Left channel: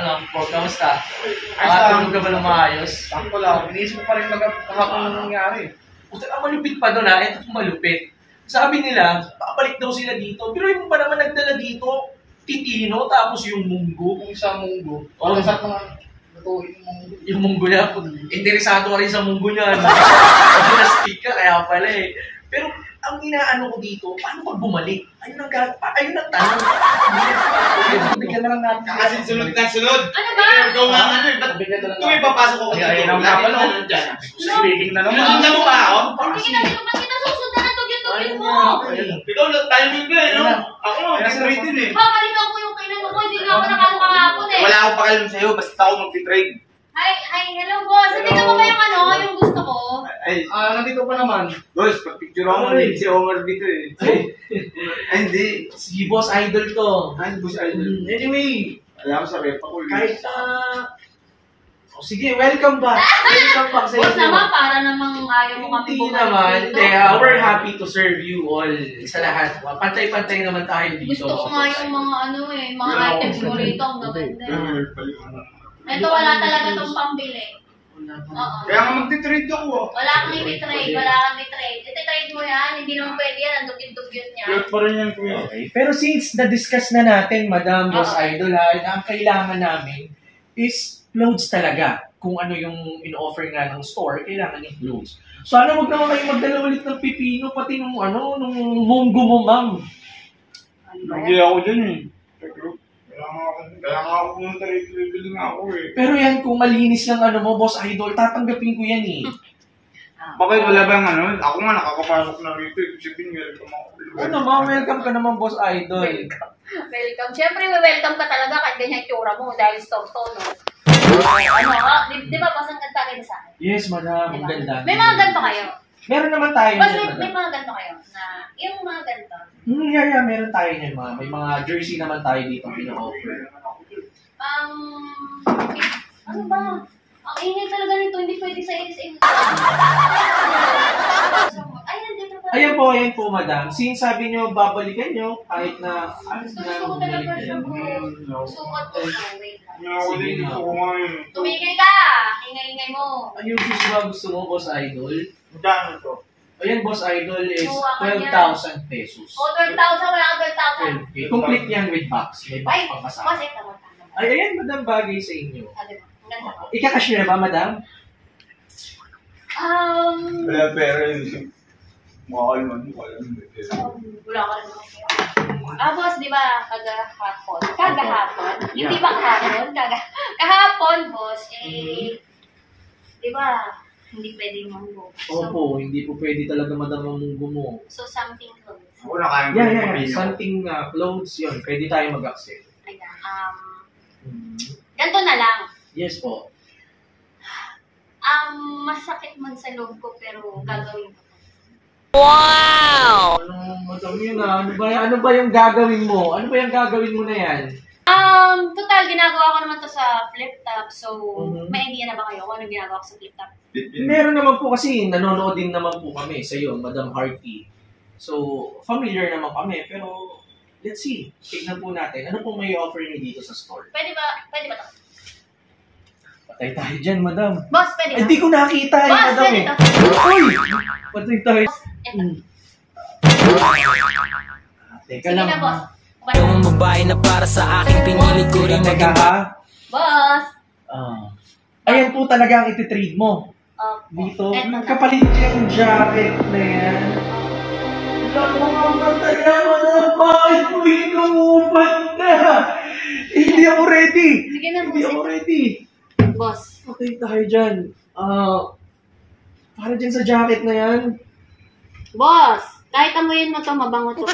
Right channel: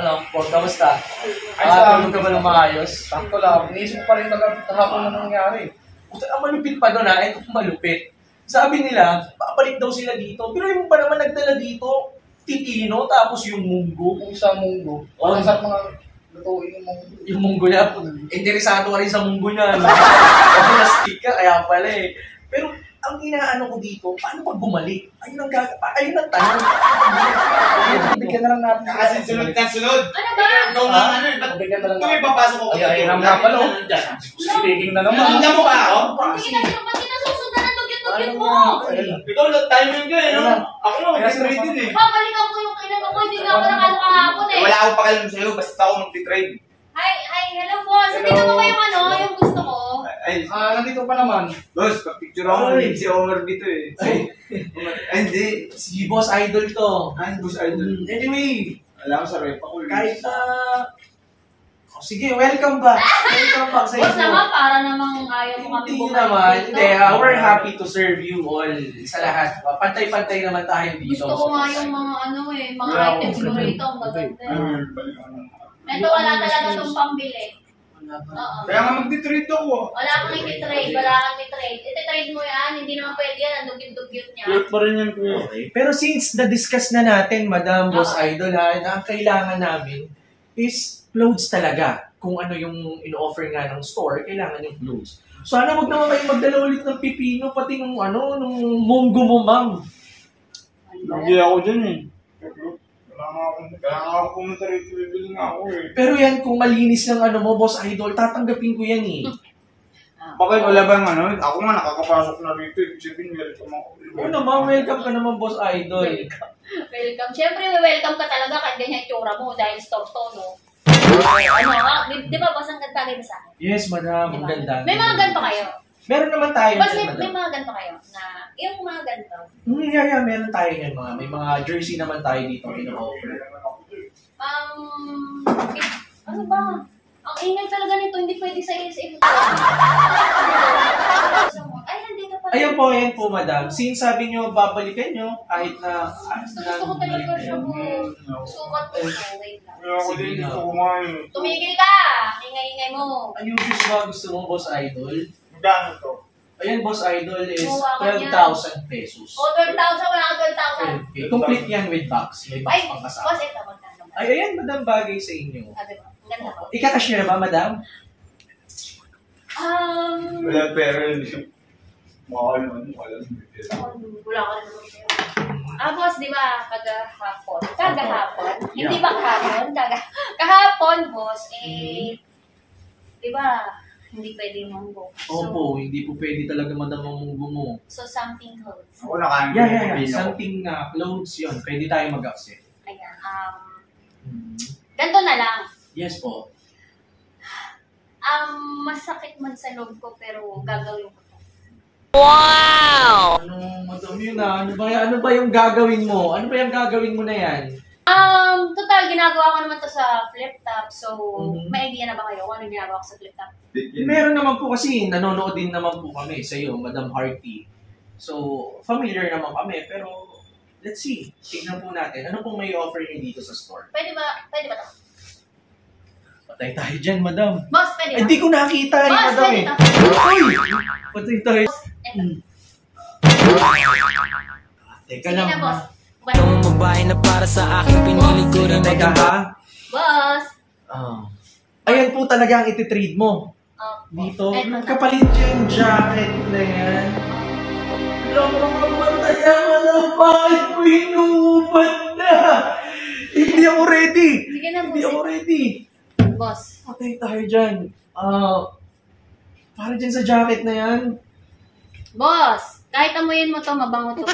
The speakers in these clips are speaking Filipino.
Ano po, kamusta? Tulog ka ba ng maayos? Sakto lang. Iniisip ko pa rin kahapon na nangyari. Ang malupit pa doon ha, ito malupit. Sabi nila, babalik daw sila dito. Pero yung pa naman nagdala dito, titino, tapos yung munggo. Yung isa munggo. Oh, sa mga lutuin yung munggo. Yung munggo niya, interesado ka rin sa munggo niya. Nastik ka, kaya pala eh. Pero ang inaano ko dito, paano pag bumalik? Ayun ang tanong. Bigyan na lang natin. Kasi sunod na sunod. Ano ba? Ikaw nga ano eh. Ba't Bigyan na lang ito may papasok ako dito? Ay, ang napalo. Speaking na naman. Alam mo ba ako? Ba't kita susundan ang dugyot-dugyot mo? Ikaw lang timing ka eh, no? Ako lang, mag-trade din eh. Babalikan ko yung kainan ko, hindi nga ako nakano kahapon eh. Wala akong pakialam sa'yo, basta ako mag-trade. Hi, hello boss. Nandito mo ba yung yung gusto ko? Ay, Nandito pa naman. boss, pag-picture ako ulit si Omar dito eh. Ay, hindi. Si Boss Idol to. Ay, boss idol. Anyway, Alam ko sa rep ako. kahit sige, welcome back. Welcome back sa Boss inyo. naman, para namang ayaw mo kami Hindi bumalik naman. dito. Hindi, we're happy to serve you all sa lahat. Pantay-pantay naman tayo dito. Gusto ko nga yung mga mga items mo rito. Ang maganda. Ito wala talaga itong pambili. Oo. Kaya nga mag-trade ako. Wala kang i-trade, wala kang i-trade. Iti-trade mo yan, hindi naman pwede yan, ang dugyot-dugyot niya. Cute pa rin yan, kuya. Okay. Pero since na-discuss na natin, Madam Boss Oo. Idol, na ang kailangan namin is clothes talaga. Kung ano yung in-offer nga ng store, kailangan yung clothes. Sana wag naman kayo magdala ulit ng pipino, pati nung munggo mo, ma'am. Hindi ako dyan eh. Kaya nga ako pumunta rito, bibili nga ako eh. Pero yan, kung malinis lang mo, Boss Idol, tatanggapin ko yan eh. Bakit wala bang ano? Ako nga nakakapasok na rito. Sabihin, welcome ako. Ano ma'am, welcome ka naman, Boss Idol. Welcome. Siyempre, welcome ka talaga kahit ganyan yung tsura mo dahil store-to, no? Di ba, boss, ang ganda kayo sa akin? Yes, madam. Ang Diba? ganda. May mga ganito kayo. Meron naman tayo Boss, yan, may madam. mga ganito kayo na, yung mga ganito. Yeah, meron tayo yan, mga. May mga jersey naman tayo dito pino-offer. Ano ba? Ang ingay talaga nito, hindi pwede sa SM. Ay, nandito pa. Ayan po, madam. Since sabi nyo, babalikan nyo, kahit na... Gusto ko talaga siya po. Sukat ko. Wait lang. Ako din, gusto ko nga eh. Tumigil ka! Ingay-ingay mo. Ayun, sis ba gusto mo, Boss Idol? Magkano to? Ayan, Boss Idol is Kuha ka 12,000 pesos. O, 12,000, wala ka 12,000. Okay. Complete yan with box. May box Ay, pang kasama. boss, ito, magkano ba? Ay, ayan, madam, bagay sa inyo. Diba? Ang ganda ko. Ika-cash nyo na ba, madam? Wala pera yun. Mahal man, wala naman. Wala ka naman pera. Boss, di ba, kagahapon? Hindi ba kahapon? Kahapon, boss, di ba, hindi pwede munggo. Opo, hindi po pwede talaga, madam, ang munggo mo. So, something clothes. Ako nakain ko Yeah. yung pipino. Something clothes yun. Pwede tayo mag-accept. Ayan, ganito na lang. Yes po. Masakit man sa loob ko, pero gagawin ko to. Ano, madam yun Ano ba yung gagawin mo? Ano ba yung gagawin mo na yan? Total, ginagawa ko naman to sa flip top. So, may idea na ba kayo kung ano ginagawa ko sa flip top? Meron naman po kasi, nanonood din naman po kami sa iyo, Madam Hearty. So, familiar naman kami, pero let's see. Tignan po natin. Ano pong may offer niyo dito sa store? Pwede ba to? Patay tayo dyan, madam. Boss, pwede ba? Hindi ko nakita Boss, madam pwede eh. to. Uy! Patay tayo. Eto. Teka Sige lang. na, boss. Yung babae na para sa akin, pinili ko rin Teka maging ha. Boss! Ayan po talaga ang ititrade mo. Dito. Eto na. Kapalit yung jacket na yan. Lang mga mataya mo na. Bakit mo inuubad na? Hindi ako ready. Sige na, Hindi ako boss. ready. Boss. Patay tayo dyan. Para dyan sa jacket na yan. Boss! Kahit amuyin mo to, mabango to.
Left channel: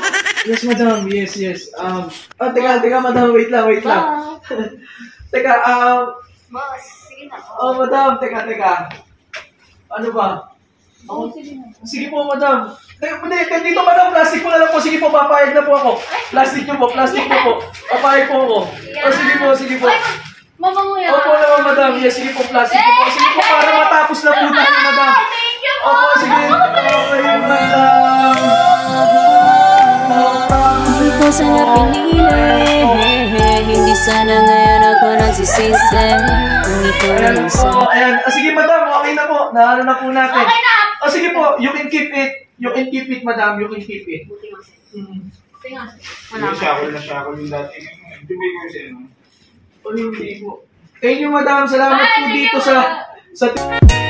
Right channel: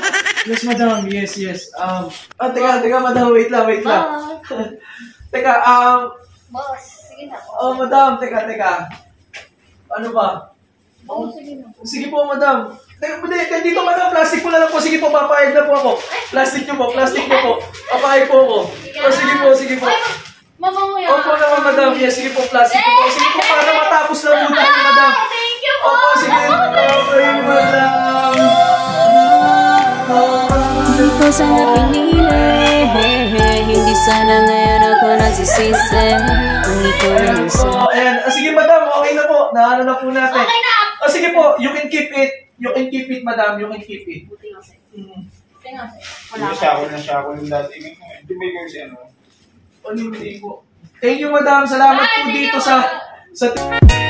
Yes, madam. Yes. Teka, madam. Wait lang. Boss! Teka, Boss, sige na. madam. Teka. Ano ba? Oh, sige na. Sige po, madam. Teka, dito, madam. Plastic po na lang po. Sige po, papayag na po ako. Plastic nyo po. Papayag po ako. Sige po. Ay, mabango yan. Opo naman, madam. Yes, sige po, plastic nyo po. Sige po, para matapos lang po tayo, madam. Thank you po! Opo, sige. Okay, madam. Hindi ko sana pinili, hindi sana ngayon ako nagsisisi kung ikaw na lang sa Ayan. Sige, madam. Okay na po. Naano na po natin. Okay na. Sige po. You can keep it. You can keep it, madam. You can keep it. Buti nga sa'yo. Buti nga sa'yo. Wala na shackle yung dati. Hindi may ko si ano. Hindi po. Thank you, madam. Salamat po Bye, dito thank you, sa